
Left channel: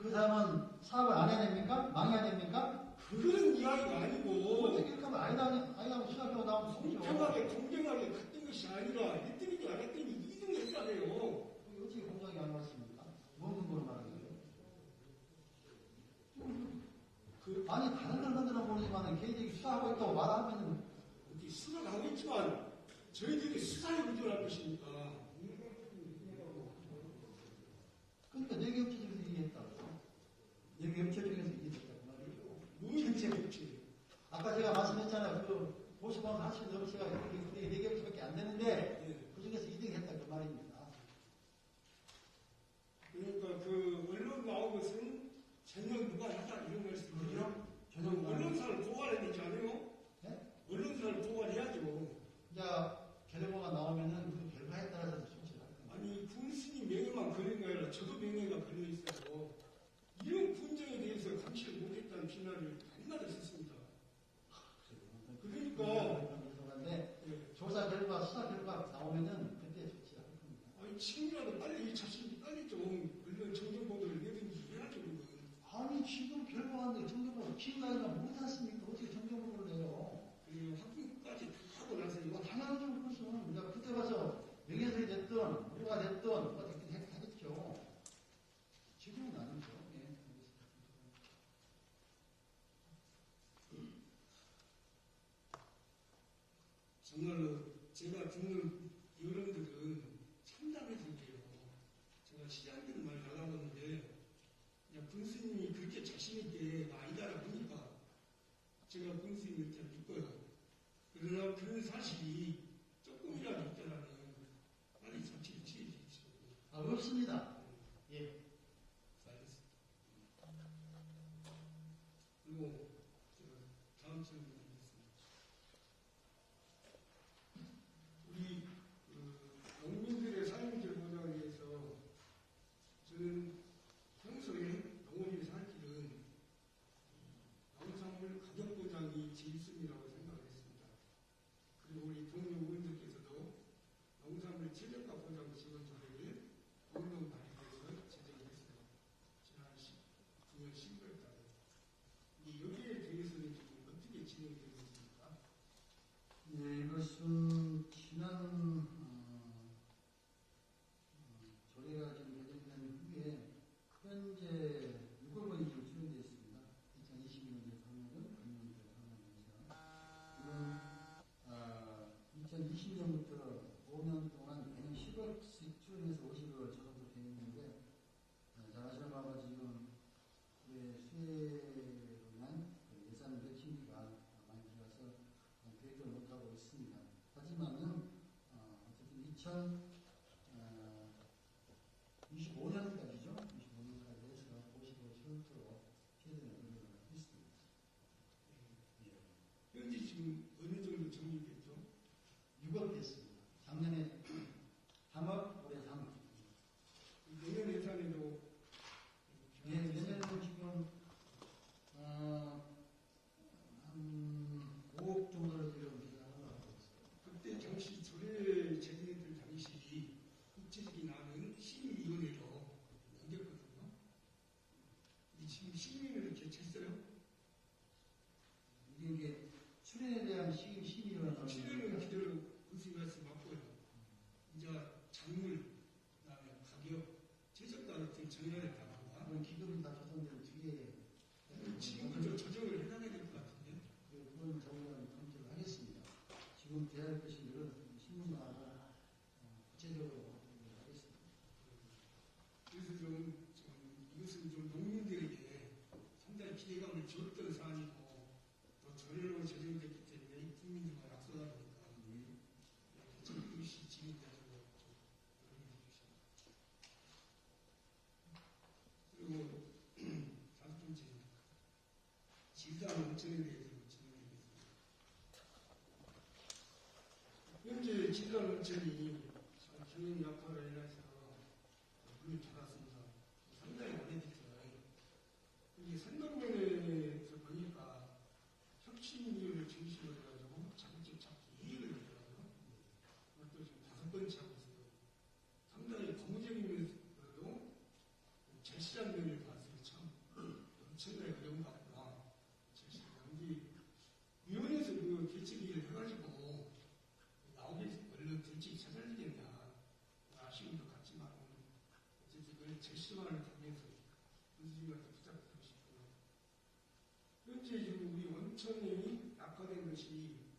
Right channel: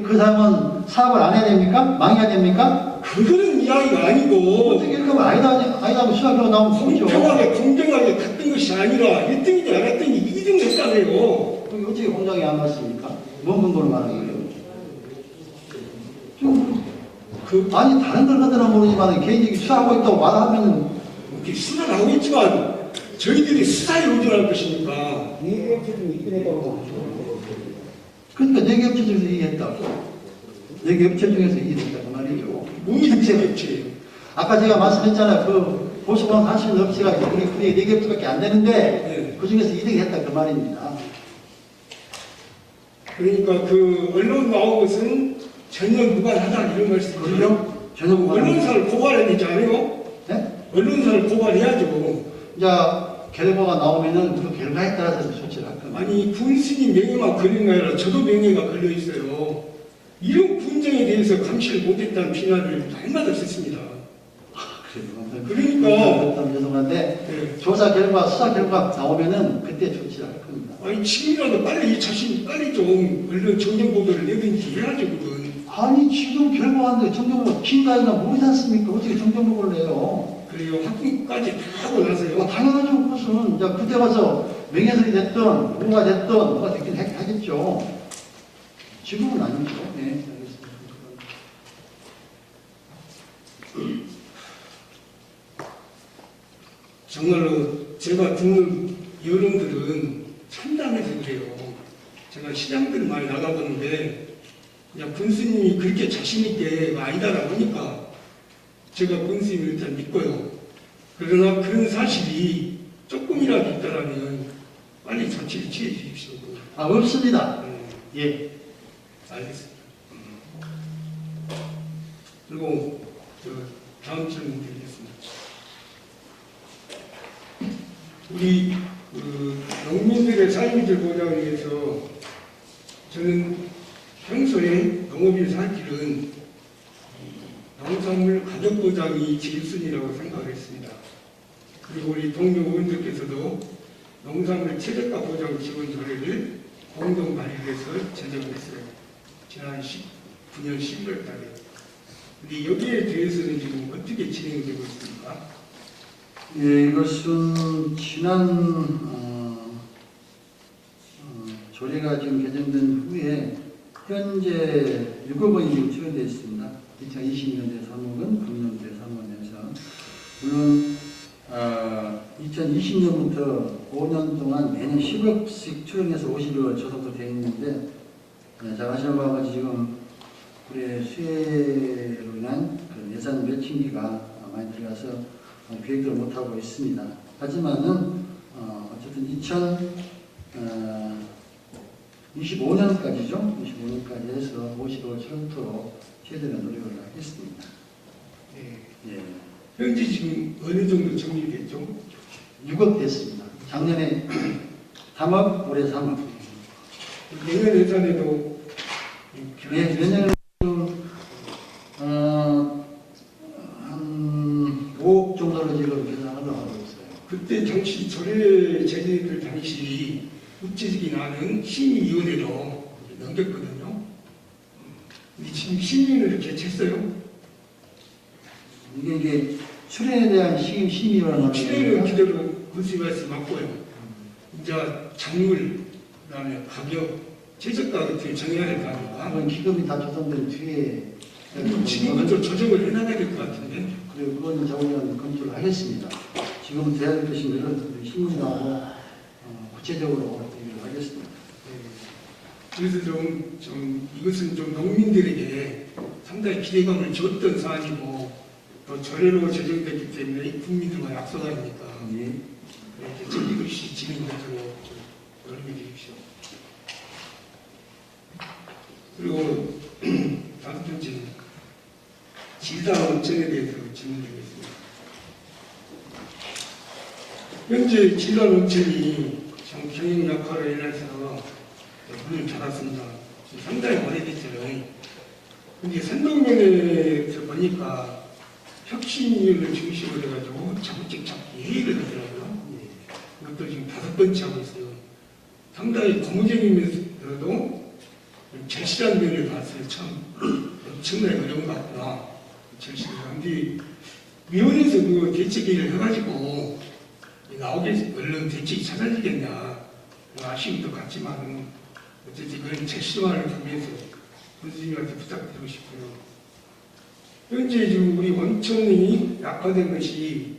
그 사람은 사업을 안 해야 됩니까? 망해야 됩니까? 그거는 이야기가 아니고 어떻게 그러면 아니다고 수학으로 나오면 되죠. 공평하게 공정하게 갔던 것이 아니라 1등인지 안 했더니 2등 했다며요. 그럼 어떻게 공장에 안 맞습니까? 뭔 근거로 말하는 거예요? 아니 다른 걸 하더라 모르지만 개인적인 수사하고 있다고 말하면 이렇게 수사를 하고 있지만 저희들이 수사에 의존할 것이니까 그러니까 4개 업체 중에서 이해했다고. 4개 업체 중에서 이해했다고 말이죠. 무이득세 업체예요. 아까 제가 말씀했잖아요. 그 보수방 할 수 있는 업체가 우리 4개 업체밖에 안 되는데 네. 그 중에서 2등 했다 그 말입니다. 그러니까 그 언론 나온 것은 전혀 무관하다 이런 말씀이죠. 그럼요? 전혀 무관합니다. 언론사를 고발해야 되지 않아요? 네? 언론사를 고발해야죠. 이제 결과가 나오면은 그 결과에 따라서 조치를 할 겁니다. 아니 군수님 명예만 걸린 게 아니라 저도 명예가 걸려 있어요. 이런 군정에 대해서 감시를 못했다는 비난을 날마다 듣습니다. 그러니까 죄송한데 네. 조사 결과, 수사 결과 나오면은 그때 조치를 할 겁니다. 아니 지금이라도 빨리 이 자신 빨리 좀 언론 정정 보도를 내든지 해야죠 그건. 아니 지금 결과하는데 정정보고 긴가이나 모르지 않습니까? 어떻게 정정보고를 해요? 그래요 학교까지 다 하고 나서요. 당연하죠. 무슨 이제 그때 가서 명예설이 됐든 뭐가 됐든 뭐가 됐긴 하겠죠. 지금은 아니죠. 네, 알겠습니다. 정말로 제가 듣는 여론들은 참담해서 그래요. 제가 시장들 많이 나가보는데 그냥 군수님이 그렇게 자신있게 아니다라고 하니까 제가 군수님을 일단 믿고요. 그러나 그런 사실이 조금이라도 있다라면 빨리 조치를 취해 주십시오. 아, 없습니다. 예. 알겠습니다. 그리고 다음 질문 드리겠습니다. 우리 농민들의 삶을 보장하기 위해서 저는 평소에 농업인 살 길은 농산물 가격 보장이 제일순위라고 생각을 했습니다. 그리고 우리 동료 의원들께서도 농산물 최저가 보장 지원 조례를 공동 발의해서 제정을 했어요. 지난 9년 11월 달에. 근데 여기에 대해서는 지금 어떻게 진행되고 있습니까? 예, 이것은 지난 조례가 지금 개정된 후에 현재 6억 원이 지금 투여되어 있습니다. 2020년대 3억원, 금년대 3억원에서 물론 2020년부터 5년 동안 매년 10억씩 투영해서 50억 조성도 되어 있는데 잘 아시는 바와 같이 지금 우리 수해로 인한 그 예산 매칭비가 많이 들어가서 계획을 못하고 있습니다. 하지만은 어쨌든 2025년까지죠. 25년까지 해서 50억을 철도록 최대한 노력을 하겠습니다. 네. 예. 현재 지금 어느 정도 정리됐죠? 6억 됐습니다. 작년에 3억, 올해 3억. 내년 예산에도 예, 내년에 지금 한 5억 정도로 지금 계산하려고 하고 있어요. 그때 당시 조례 제정될 당시 국제적인 안은 심의위원회로 넘겼거든요. 근데 지금 심의를 개최했어요. 이게 출연에 대한 심의라는 출연은 그대로 군수님께서 맡고요. 이제 작물, 그다음에 가격, 최저가 어떻게 정해야 될 거 아닙니까? 그런 기금이 다 조성된 뒤에 지금부터 조정을 해나가야 될 것 같은데. 그리고 그건 저희는 검토를 하겠습니다. 지금 대학 교신들은 신문하고 구체적으로 얘기를 하겠습니다. 그래서 이것은 좀 농민들에게 상당히 기대감을 줬던 사안이고 또 조례로 제정됐기 때문에 국민들과 약속 아닙니까? 예. 이렇게 정리글씨 진행되도록 노력해 주십시오. 그리고 다섯 번째는 질당 원천에 대해서 질문드리겠습니다. 현재 질당 원천이 경영 약화로 인해서 문을 닫았습니다. 상당히 오래됐어요. 근데 선동면에서 보니까 혁신위원을 중심으로 해가지고 자구책 잡기 회의를 하더라고요. 이것도 지금 5번째 하고 있어요. 상당히 고무적이면서도 절실한 면을 봤어요. 참 엄청나게 어려운 것 같구나. 절실한. 근데 위원회에서 그 대책회의를 해가지고 나오게 얼른 대책이 찾아지겠냐 아쉬움도 같지만 어쨌든 그런 절실함을 위해서 선생님한테 부탁드리고 싶고요. 현재 지금 우리 원천이 약화된 것이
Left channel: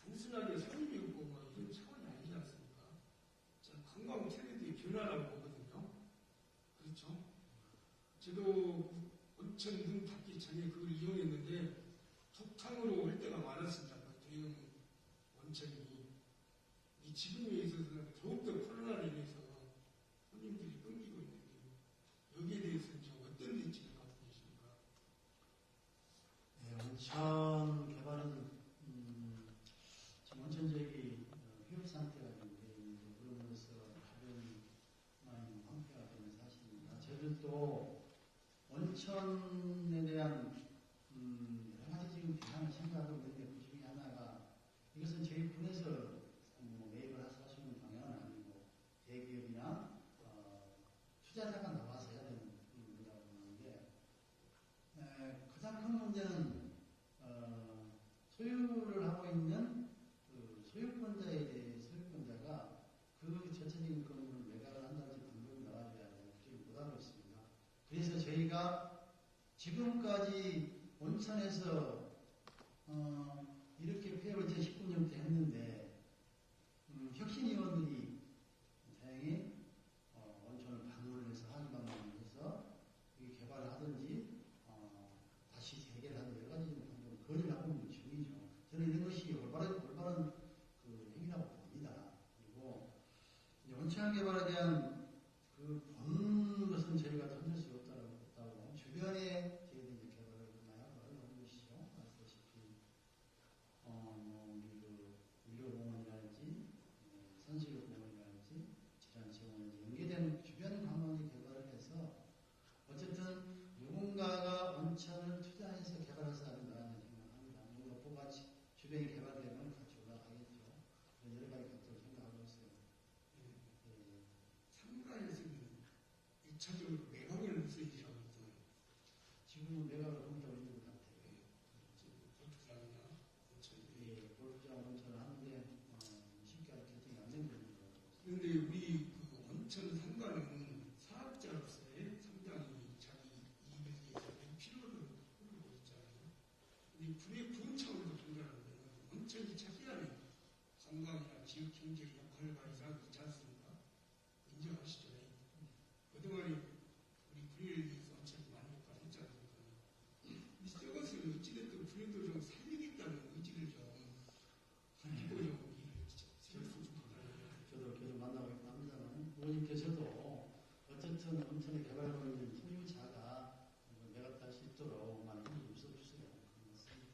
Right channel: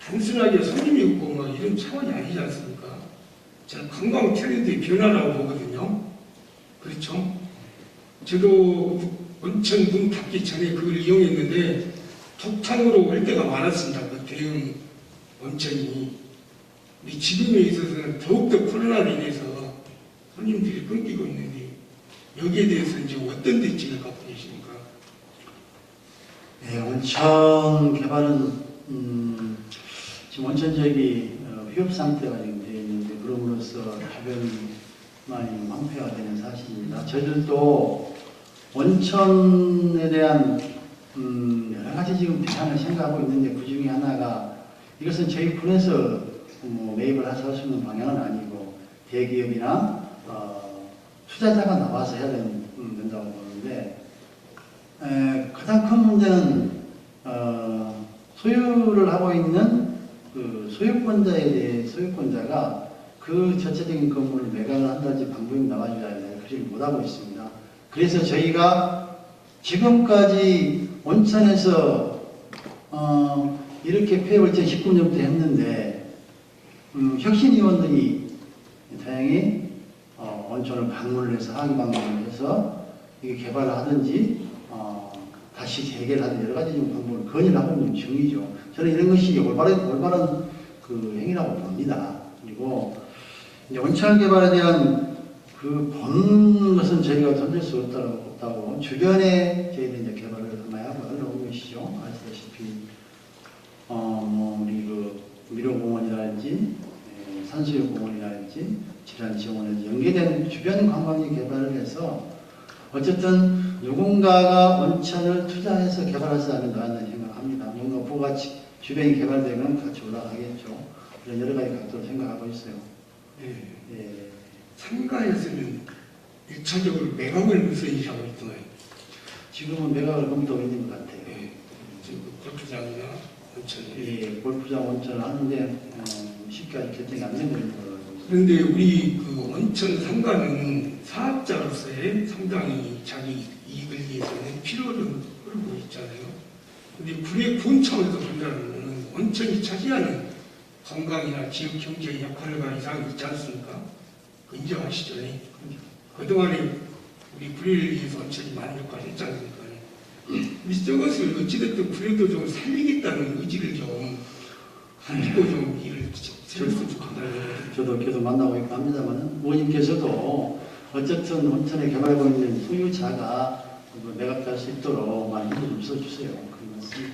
단순하게 손님이 없고 뭐 이런 차원이 아니지 않습니까? 저는 관광 트렌드의 변화라고 보거든요. 그렇죠? 저도 원천 문 닫기 전에 그걸 이용했는데 독창으로 올 때가 많았습니다. 그 대형 원천이. 우리 지금에 있어서는 더욱더 코로나로 인해서 손님들이 끊기고 있는데 여기에 대해서 이제 어떤 대책을 갖고 계십니까? 네, 원천 개발은 지금 원천 지역이 휴업 상태가 지금 되어 있는데 그럼으로써 주변이 많이 황폐화가 되는 사실입니다. 저희들도 원천에 대한 여러 가지 지금 대안을 생각하고 있는데 그 중에 하나가 이것은 저희 군에서 매입을 해서 할 수 있는 방향은 아니고 대기업이나 투자자가 나와서 해야 된다고 보는데 가장 큰 문제는 소유를 하고 있는 그 소유권자가 그 전체적인 건물을 매각을 한다든지 방법이 나와줘야 하는데 그렇게 못하고 있습니다. 그래서 저희가 지금까지 원천에서 이렇게 폐업을 2019년부터 했는데 혁신위원들이 다행히 원천을 방문을 해서 항의 방문을 해서 이게 개발을 하든지 다시 재개를 하든 여러 가지 방법을 건의를 하고 있는 중이죠. 저는 이런 것이 올바른 그 행위라고 봅니다. 그리고 이제 원천 개발에 대한 그 본 것은 저희가 던질 수 없다고 주변에 저희들이 이제 개발을 많이 하고 하는 것이죠. 아시다시피 우리 그 미로공원이라든지 산수유공원이라든지 질환지원에 연계된 주변 관광지 개발을 해서 어쨌든 누군가가 원천을 투자해서 개발해서 하는 거라는 생각합니다. 뭔가 부가치 주변이 개발되면 같이 올라가겠죠. 그런 여러 가지 각도로 생각하고 있어요. 네. 예. 상가에서는 1차적으로 매각을 우선시하고 있던가요? 지금은 매각을 검토하고 있는 것 같아요. 네. 지금 골프장이나 원천. 예, 골프장 원천을 하는데 쉽게 아직 결정이 안 되고 있는 걸로 알고 있습니다. 그런데 우리 그 원천 상가는 사업자로서의 상당히 자기 이익을 위해서는 필요를 끌고 있잖아요. 근데 군의 군 차원에서 본다면 원천이 차지하는 관광이나 지역 경제의 역할을 가 이상 있지 않습니까? 그 인정하시죠? 그동안에 우리 군을 위해서 원천이 많은 역할을 했지 않습니까? 근데 저것을 어찌됐든 군에도 좀 살리겠다는 의지를 좀 가지고 좀 일을 세웠으면 좋겠다는. 저도 계속 만나고 있고 합니다만 의원님께서도 어쨌든 원천에 개발하고 있는 소유자가 매각할 수 있도록 많이 힘을 좀 써주세요. 그런 말씀.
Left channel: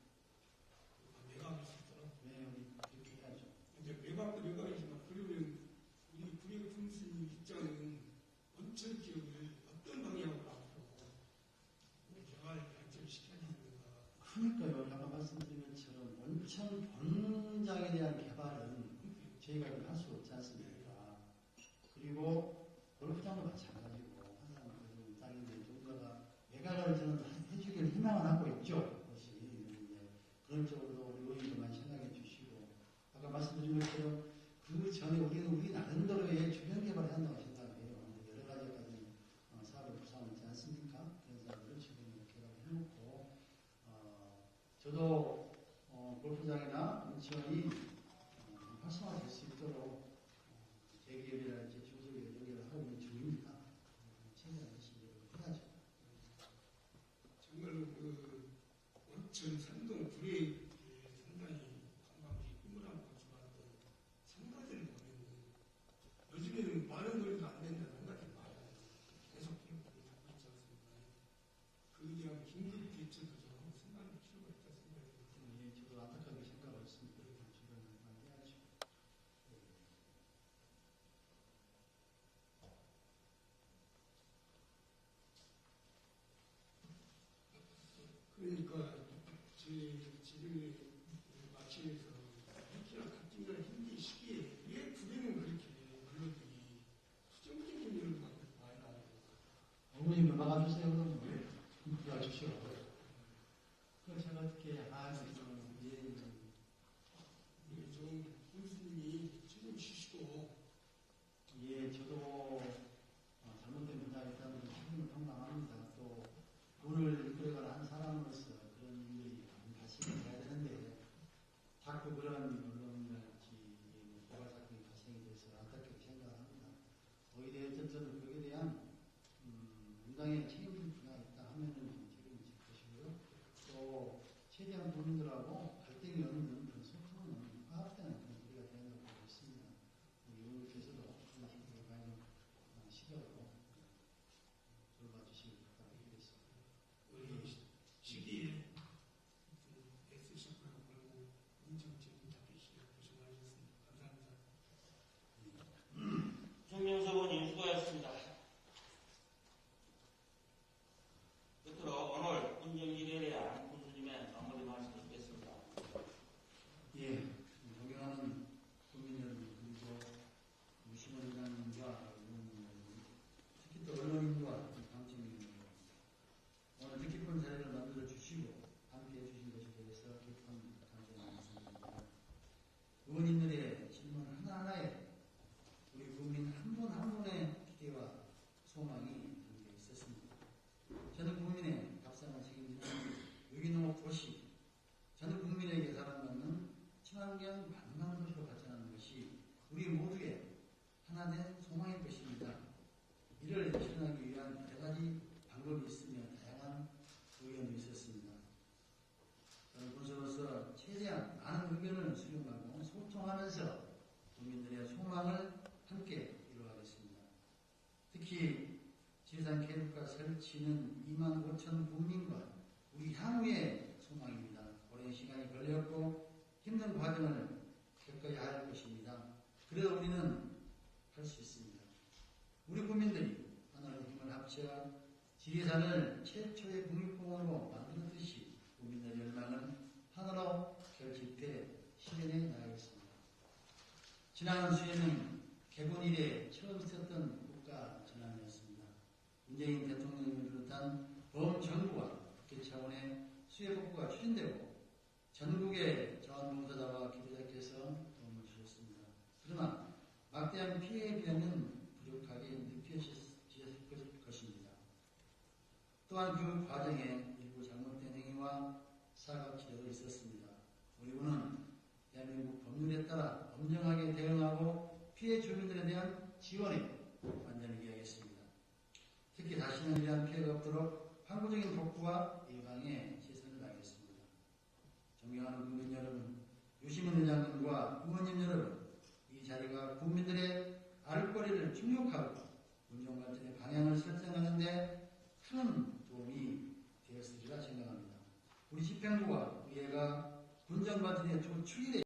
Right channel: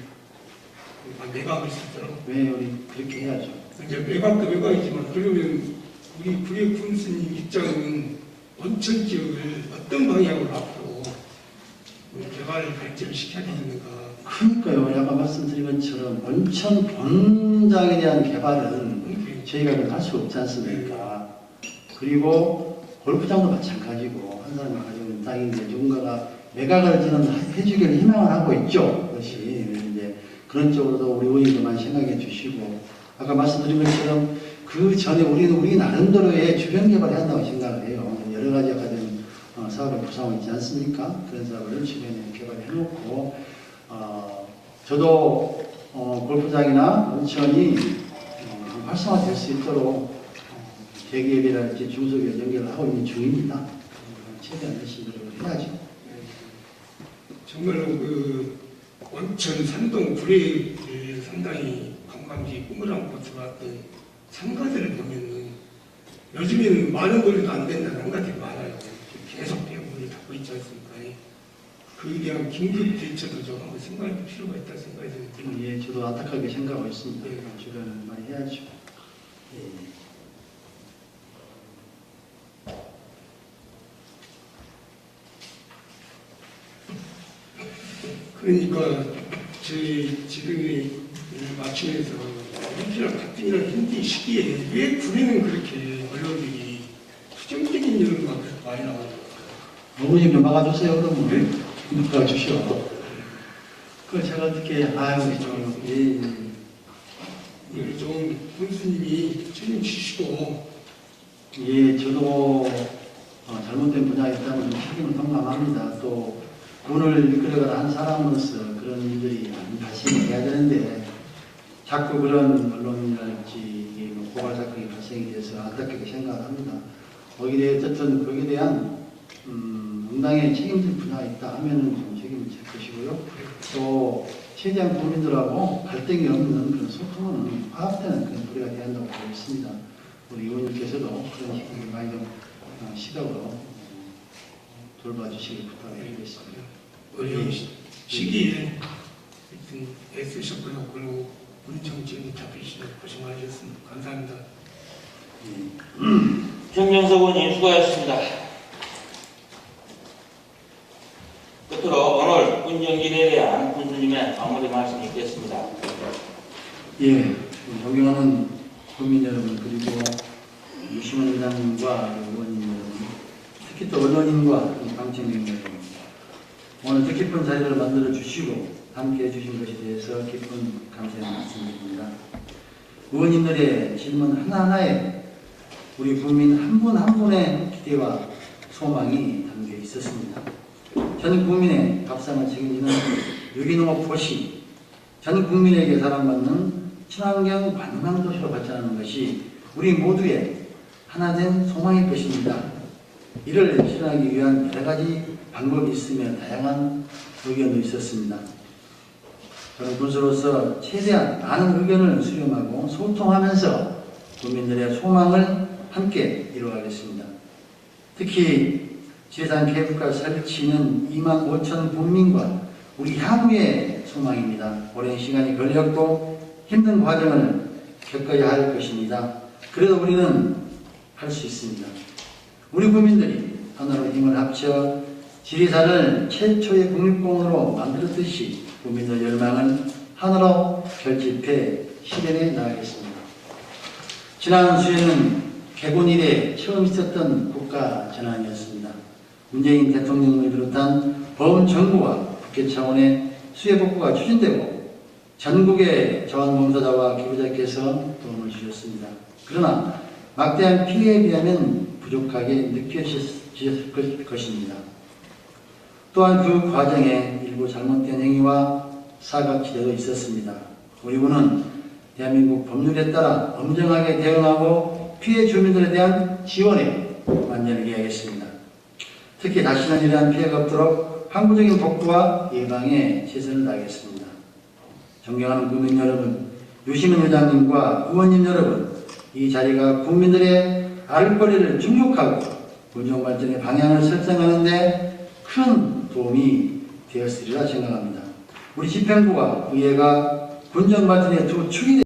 매각을 쓰도록. 왜 우리 그렇게 해야죠. 이제 매각도 매각이지만 그러면 우리 구례 군수님 입장은 원천 지역을 어떤 방향으로 앞으로 개발을 발전을 시켜야 되는가? 그러니까요. 아까 말씀드린 것처럼 원천 본장에 대한 개발은 저희가 할 수 없지 않습니까? 그리고 골프장도 마찬가지고 한 사람이 가지고 있는 땅인데 누군가가 매각을 저는 해주기를 희망을 하고 있죠. 그것이 이제 그런 쪽으로도 우리 의원님도 많이 생각해 주시고 아까 말씀드린 것처럼 그 전에 우리 나름대로의 주변 개발을 한다고 생각을 해요. 여러 가지 가진 사업을 구성하고 있지 않습니까? 그런 사업을 주변에 개발해 놓고 저도 골프장이나 온천이 활성화될 수 있도록 대기업이라든지 중소기업 연결을 하고 있는 중입니다. 최대한 열심히 노력을 해야죠. 정말로 원천 산동 불에 상당히 관광지 꿈을 안고 들어왔던 상가들을 보면은 요즘에는 많은 거리도 안 된다는 상가들이 많아요. 계속 대부분을 닫고 있지 않습니까? 그에 대한 긴급 대처도 좀 한번 생각할 필요가 있다 생각이 듭니다. 예, 저도 안타깝게 생각하고 있습니다. 예. 주변을 많이 해야죠. 예. 그러니까 저희 지금의 맞춤에서 현실랑 같은 현재 시기에 왜 군에는 그렇게 언론들이 수정적인 여론만 그렇게 많이 나와요? 어머니 좀 막아주세요. 그러면 막아주시오. 그걸 제가 어떻게 아유 좀 이걸 좀 군수님이 책임지시고 예, 저도 잘못된 분야에 있다면 좀 책임을 동감합니다. 또 군을 이끌어가는 한 사람으로서 그런 일들이 안 발생해야 되는데 자꾸 그런 언론이랄지 고발 사건이 발생이 돼서 안타깝게 생각합니다. 거기에 어쨌든 거기에 대한 응당에 책임질 분야가 있다 하면은 좀 책임을 질 것이고요. 또 최대한 국민들하고 갈등이 없는 그런 소통은 화합되는 그런 도리가 돼야 한다고 보고 있습니다. 우리 의원님께서도 그런 식으로 많이 좀 시각으로 돌봐주시길 부탁드리겠습니다. 어려운 시기에 하여튼 애쓰셨고요. 그리고 우리 정치인이 잡히시도록 고생 많으셨습니다. 감사합니다. 정명석 의원님 수고하셨습니다. 끝으로 오늘 군정진에 대한 군수님의 마무리 말씀 있겠습니다. 예, 존경하는 국민 여러분 그리고 유시원 의장님과 의원님 여러분, 특히 또 언론인과 방청객 여러분, 오늘 뜻깊은 자리를 만들어 주시고 함께 해주신 것에 대해서 깊은 감사의 말씀드립니다. 의원님들의 질문 하나하나에 우리 국민 한 분 한 분의 기대와 소망이 담겨 있었습니다. 전 국민의 밥상을 책임지는 유기농업 도시, 전 국민에게 사랑받는 친환경 관광도시로 발전하는 것이 우리 모두의 하나된 소망일 것입니다. 이를 실현하기 위한 여러 가지 방법이 있으며 다양한 의견도 있었습니다. 저는 군수로서 최대한 많은 의견을 수렴하고 소통하면서 국민들의 소망을 함께 이루어가겠습니다. 특히 지리산 케이블카 설치는 2만 5천 국민과 우리 향후의 소망입니다. 오랜 시간이 걸렸고 힘든 과정을 겪어야 할 것입니다. 그래도 우리는 할 수 있습니다. 우리 국민들이 하나로 힘을 합쳐 지리산을 최초의 국립공원으로 만들었듯이 국민의 열망을 하나로 결집해 실현해 나가겠습니다. 지난 수해는 개군 이래 처음 있었던 국가 전환이었습니다. 문재인 대통령을 비롯한 범정부와 국회 차원의 수해 복구가 추진되고 전국의 자원봉사자와 기부자께서 도움을 주셨습니다. 그러나 막대한 피해에 비하면 부족하게 느껴지셨을 것입니다. 또한 그 과정에 일부 잘못된 행위와 사각지대도 있었습니다. 우리 군은 대한민국 법률에 따라 엄정하게 대응하고 피해 주민들에 대한 지원에 만전을 기하겠습니다. 특히 다시는 이러한 피해가 없도록 항구적인 복구와 예방에 최선을 다하겠습니다. 존경하는 국민 여러분, 유시민 의장님과 의원님 여러분, 이 자리가 국민들의 알거리를 충족하고 군정 발전의 방향을 설정하는 데 큰 도움이 되었으리라 생각합니다. 우리 집행부와 의회가 군정 발전의 두 축이